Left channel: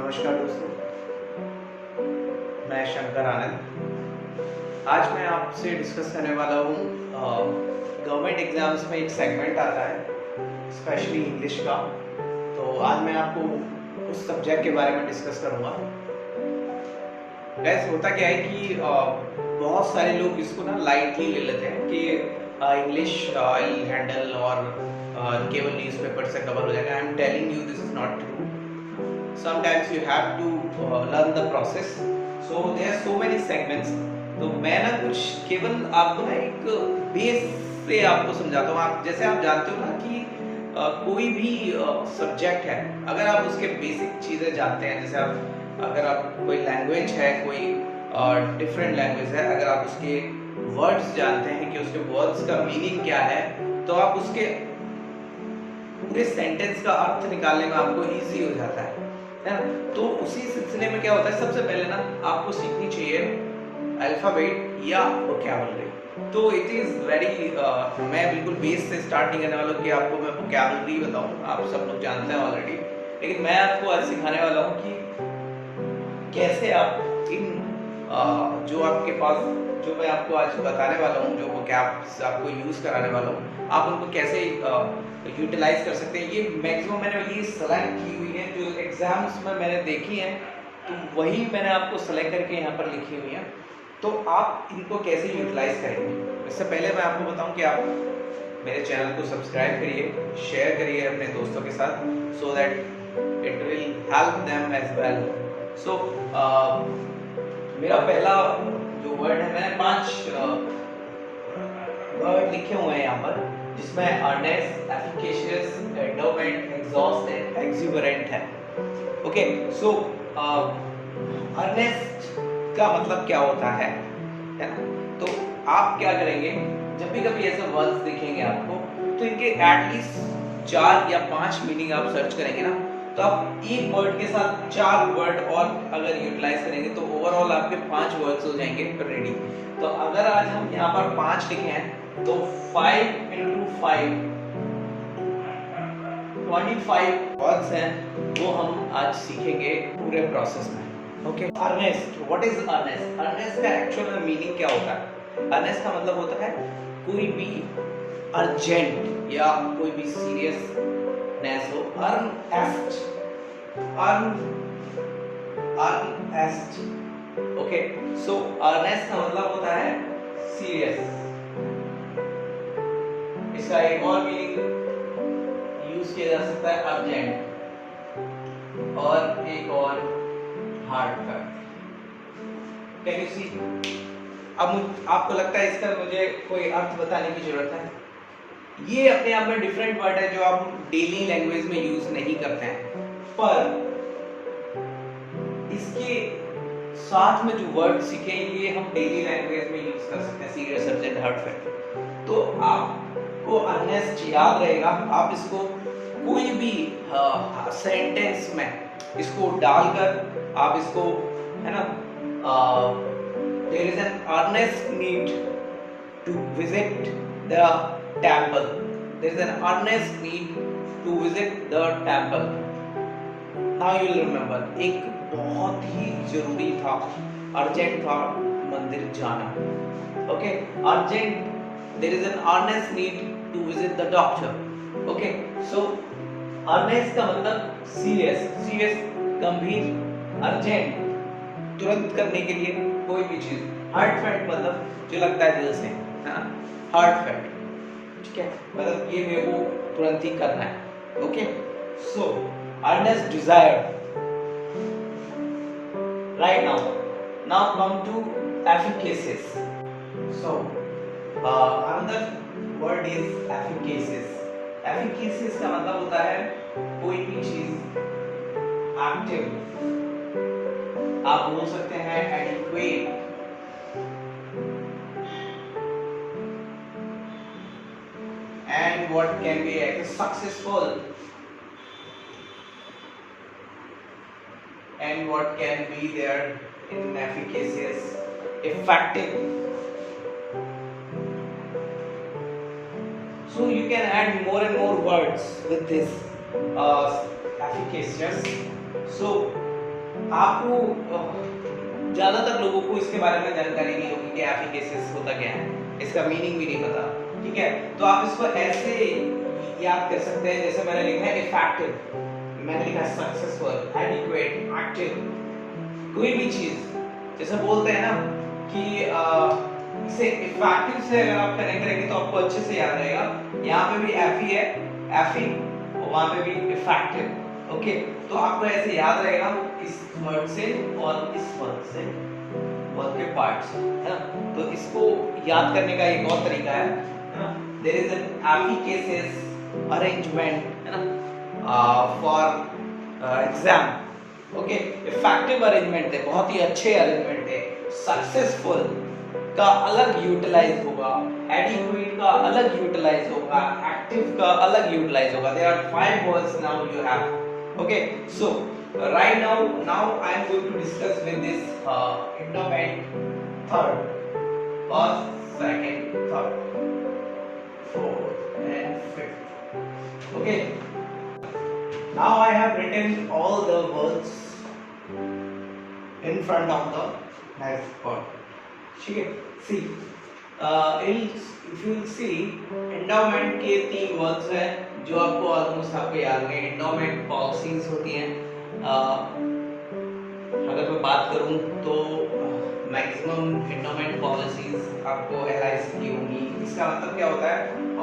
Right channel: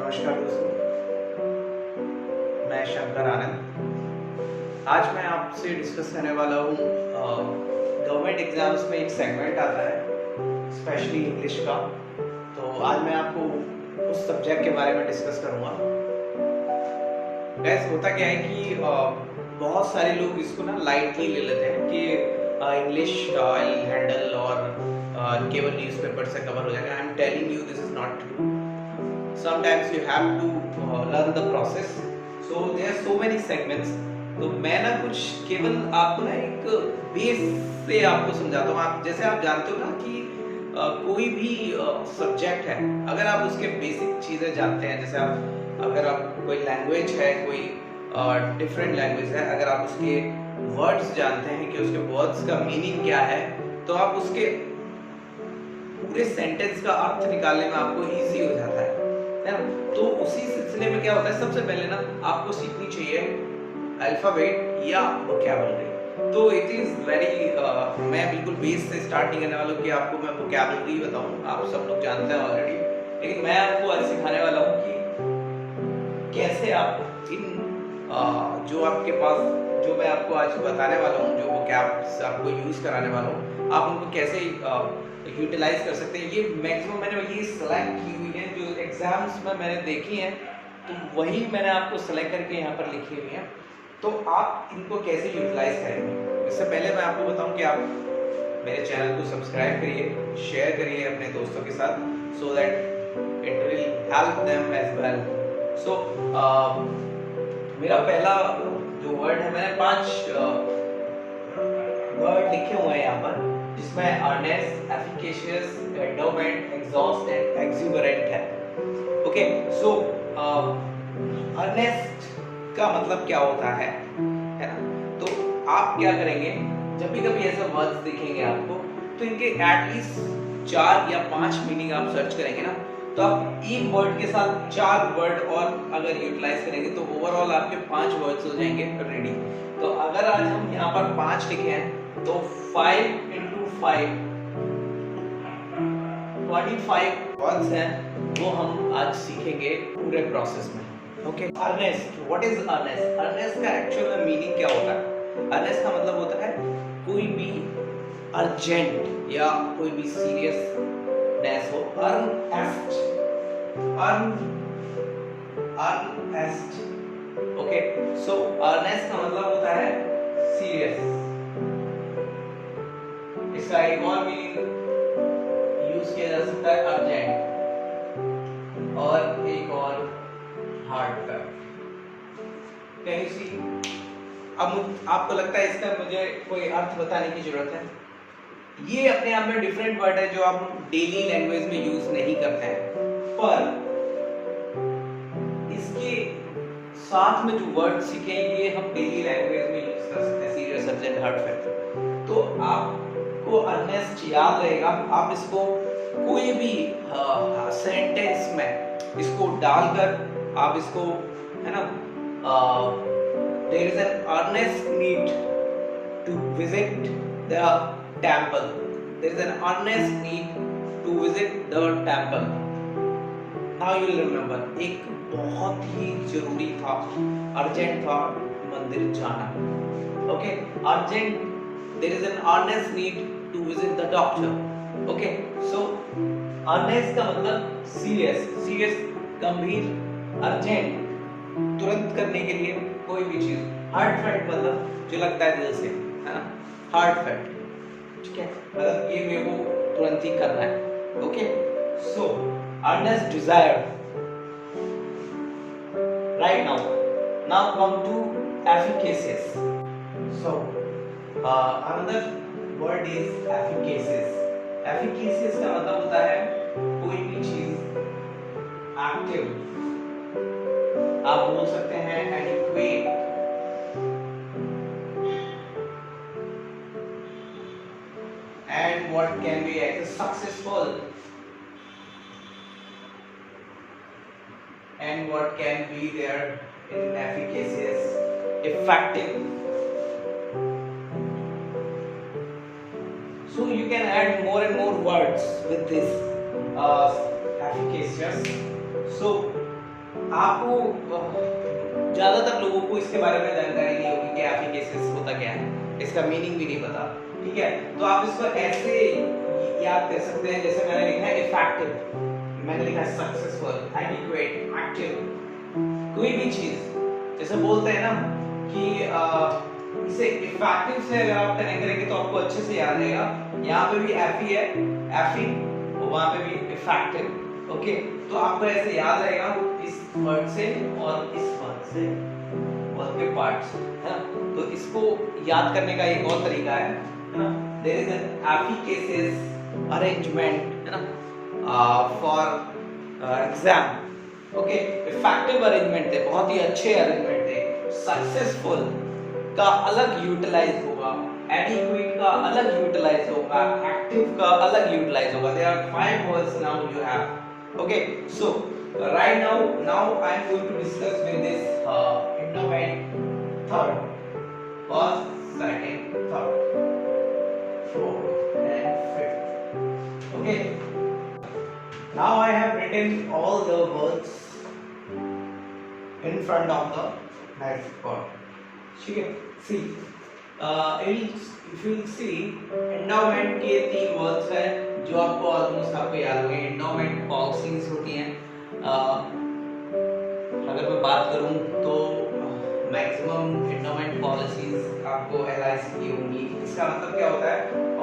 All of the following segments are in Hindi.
नमस्कार दोस्तों, मैं शंकर आनंद। आज मैं आपसे डिस्कस करने वाला हूँ गवर्नमेंट एग्ज़ाम्स में एक सेगमेंट आता है स्पेशली इंग्लिश का। तो आज मैं आपको उस सब्जेक्ट के बारे में डिस्कस करूँगा। गैस होता क्या है कि बहुत सारे लोग इसको ना लाइटली ले लेते हैं कि इंग्लिश आई हैंडल और केवल न्यूज़पेपर से कवर हो जाएगा। I am telling you this is not true. Sometimes you have to learn the process. So there are so many segments. तो मैं ना कुछ केवल आपको ना एक बेस से आपको समझाता हूँ। आप जैसे आप जानते हो ना कि कोई भी सब्जेक्ट है, अगर आप उसके बेसिक चीज़ें जानते हैं, जैसे आप अगर आप कोई लैंग्वेज है, कोई डिफरेंट लैंग्वेज है, अगर आप उसके वर्ड्स जानते हैं कि उसके वर्ड्स का मीनिंग क्या है, तो आप उसके पूरे सेंटेंस का अर्थ निकालने में आपको इजी हो जाता है ना। तो उसी सिलसिले में क्या होता है, सबसे पहले ना आपको सीखनी चाहिए अल्फाबेट या वोकैबुलरी। तो इट इज़ वेरी मैं बिल्कुल बेस से स्टार्ट नहीं करने वाला हूँ कि आपको मैं वोकैबुलरी बताऊँ, आप सब लोग जानते हैं ऑलरेडी। लेकिन मैं आपको आज सिखाने वाला हूँ कि कैसे आप इन जो आपके पास जो मैं आपको आज बताने वाला हूँ, जो वोकैब्स आपको यूज़ कराने वाला हूँ, आप उनको कैसे यूटिलाइज कर सकते हैं। ये मैक्सिमम मैंने ये सेलेक्ट की हुई है जो एग्जाम्स में मैंने देखी हैं, तो वही मैंने आपको सेलेक्ट करके यहाँ पर लिखी हुई हैं। तो आप इनको कैसे यूटिलाइज करेंगे, इससे पहले मैं आपको बताऊं कि आप मेरे चैनल को सब्सक्राइब करिए, शेयर करिए अपने दोस्तों के साथ, so that it will help them as well. So मेरा पहला जो वर्ड है, मैंने 5 वर्ड लिखे हुए हैं यहाँ पर, जिसमें earnest, efficacious, adamant, exhaust and exuberant है। ओके, सो अर्नेस्ट का मतलब क्या होता है ना। तो आप क्या करेंगे, जब भी कभी ऐसे वर्ड्स दिखेंगे आपको, तो इनके एटलीस्ट 4 या 5 मीनिंग आप सर्च करेंगे ना, तो आप एक वर्ड के साथ 4 वर्ड और अगर यूटिलाइज करेंगे तो ओवरऑल आपके 5 वर्ड्स हो जाएंगे रेडी। तो अगर आज हम यहाँ पर 5 लिखे हैं, तो 5 into 5 25 वर्ड्स हैं, वो हम आज सीखेंगे पूरे प्रोसेस में। Okay, earnest, what is earnest? Earnest का एक्चुअल में मीनिंग क्या होता है? अर्नेस्ट का मतलब होता है कोई भी अर्जेंट या कोई भी सीरियसनेस हो। Earnest, earnest. Okay, so earnest का मतलब होता है सीरियस। इसका एक और मीनिंग यूज किया जा सकता है अर्जेंट, और एक और हार्टफेल्ट। Can you see? अब आपको लगता है इसका मुझे कोई अर्थ बताने की जरूरत है? ये अपने आप में डिफरेंट वर्ड है जो आप डेली लैंग्वेज में यूज नहीं करते हैं, पर इसके साथ में जो वर्ड सीखे ये हम डेली लैंग्वेज में यूज कर सकते हैं, सीरियस, अर्जेंट, हार्टफेल्ट। तो आपको अर्नेस्ट याद रहेगा, आप इसको कोई भी सेंटेंस में इसको डालकर आप इसको, है ना, there is an earnest need to visit the temple. There is an earnest need to visit the temple. Now you will remember, एक बहुत ही जरूरी था, अर्जेंट था मंदिर जाना। Okay, urgent. There is an earnest need to visit the doctor. Okay, so earnest का मतलब सीरियस, सीरियस, गंभीर, अर्जेंट, तुरंत करने के लिए कोई भी चीज। हार्टफेल्ट मतलब जो लगता है दिल से, है ना, हार्टफेल्ट, ठीक है, मतलब ये मेरे को तुरंत ही करना है। Okay, so earnest desire. Right now come to efficacious. So another word is efficacious. Efficacious का मतलब होता है कोई भी चीज एक्टिव, आप बोल सकते हैं adequate, and what can be successful, and what can be there in efficacious, effective. So you can add more and more words with this efficacious. So आपको ज्यादातर लोगों को इसके बारे में जानकारी नहीं होगी कि एफिकेसिस होता क्या है, इसका मीनिंग भी नहीं पता, ठीक है। तो आप इसको ऐसे याद कर सकते हैं, जैसे मैंने लिखा है इफेक्टिव, मैंने लिखा है सक्सेसफुल, एडिक्वेट, एक्टिव, कोई भी चीज जैसे बोलते हैं ना कि इसे इफेक्टिव से अगर आप कनेक्ट करेंगे तो आपको अच्छे से याद रहेगा। यहाँ पे भी एफ ही है, एफिंग, और वहां पे भी इफेक्टिव, ओके। तो आपको ऐसे याद रहेगा इस वर्ड से और इस वर्ड से, वर्ड के पार्ट्स है ना। तो इसको याद करने का एक और तरीका है ना, देयर इज एन एफिकेसिस अरेंजमेंट है ना for exam, okay. Effective arrangement थे, बहुत ही अच्छे अरेंजमेंट थे। सक्सेसफुल का अलग यूटिलाइज होगा, एडिक्वेट का अलग यूटिलाइज होगा, एक्टिव का अलग यूटिलाइज होगा। There are 5 words now you have, okay। So right now I am going to discuss with this endowment, third, first, second, third, fourth and fifth, okay। Now I have written all the words in front of the next part, ठीक है। See, if you see, endowment के 3 वर्ड्स हैं जो आपको ऑलमोस्ट आपको याद होंगे। एंडोमेंट पॉलिसीज होती हैं, अगर मैं बात करूं तो मैक्सिमम एंडोमेंट पॉलिसीज आपको एलआईसी की होंगी। इसका मतलब क्या होता है,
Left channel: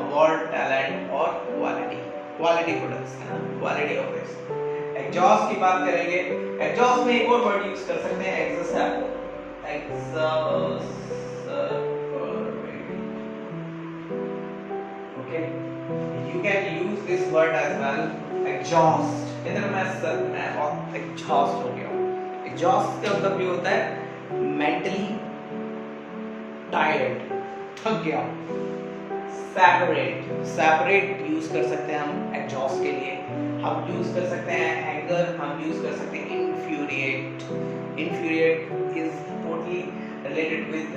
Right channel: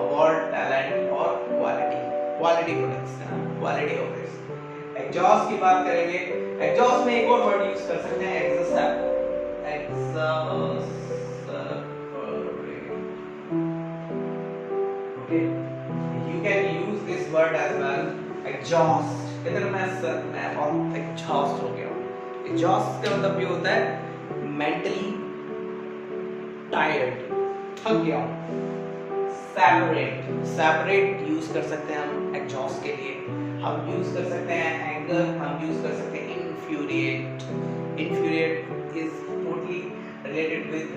अवार्ड, टैलेंट और क्वालिटी प्रोडक्ट्स है ना, क्वालिटी ऑफ दिस। एग्जॉस्ट की बात करेंगे, एग्जॉस्ट में एक और वर्ड यूज कर सकते हैं, okay. You can use this word as well, exhaust। इधर मैं बहुत exhaust हो गया हूँ। Exhaust का मतलब ये होता है mentally tired, थक गया हूँ। Separate यूज कर सकते हैं हम exhaust के लिए। हम यूज कर सकते हैं anger, हम यूज कर सकते हैं infuriate is totally related with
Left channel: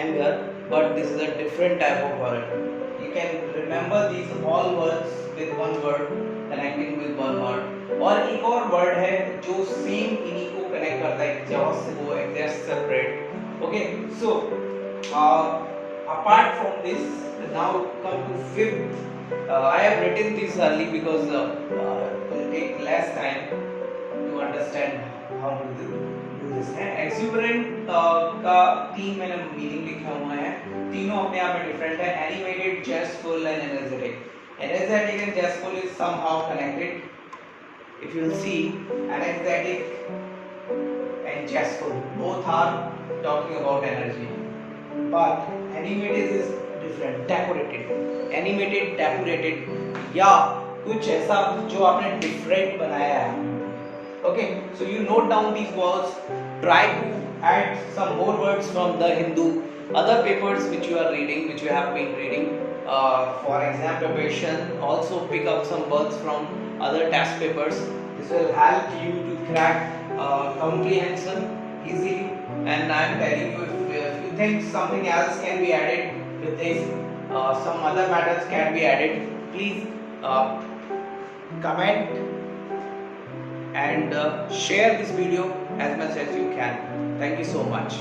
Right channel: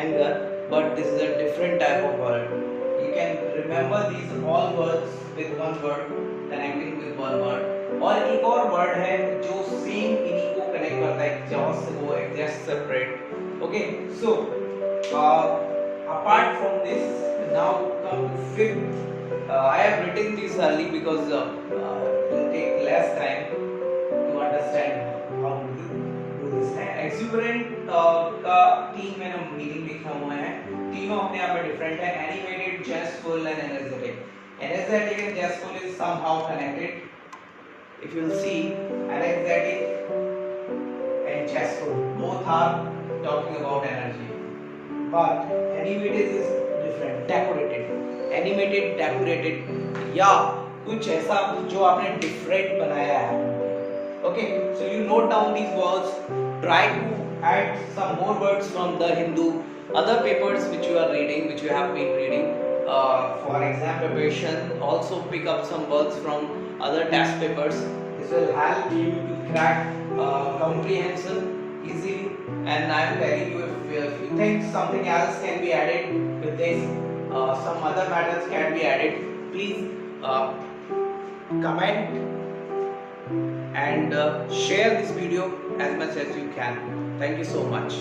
anger, but this is a different type of word। You can remember these all words with one word, connecting with one word। और एक और word है जो सेम इन्हीं को कनेक्ट करता है, exhaust से वो exhaust separate, okay। So apart from this, now come to fifth। I have written this early because it will take less time to understand how to do this है। exuberant का 3 मैंने मीनिंग लिखा हुआ है, तीनों अपने आप में डिफरेंट है। Animated, zestful and energetic. Energetic and zestful is somehow connected. If you see, energetic and zestful both are talking about energy, but animated is different, decorated. Animated, decorated या कुछ ऐसा जो आपने डिफरेंट बनाया है, okay। So you note down these words, try to add some more words from the Hindu other papers which you are reading, which you have been reading for exam preparation। Also pick up some words from other test papers, this will help you to crack comprehension easily। And I am telling you, if you think something else can be added with this, some other matters can be added, please comment and share this video as much as you can। Thank you so much।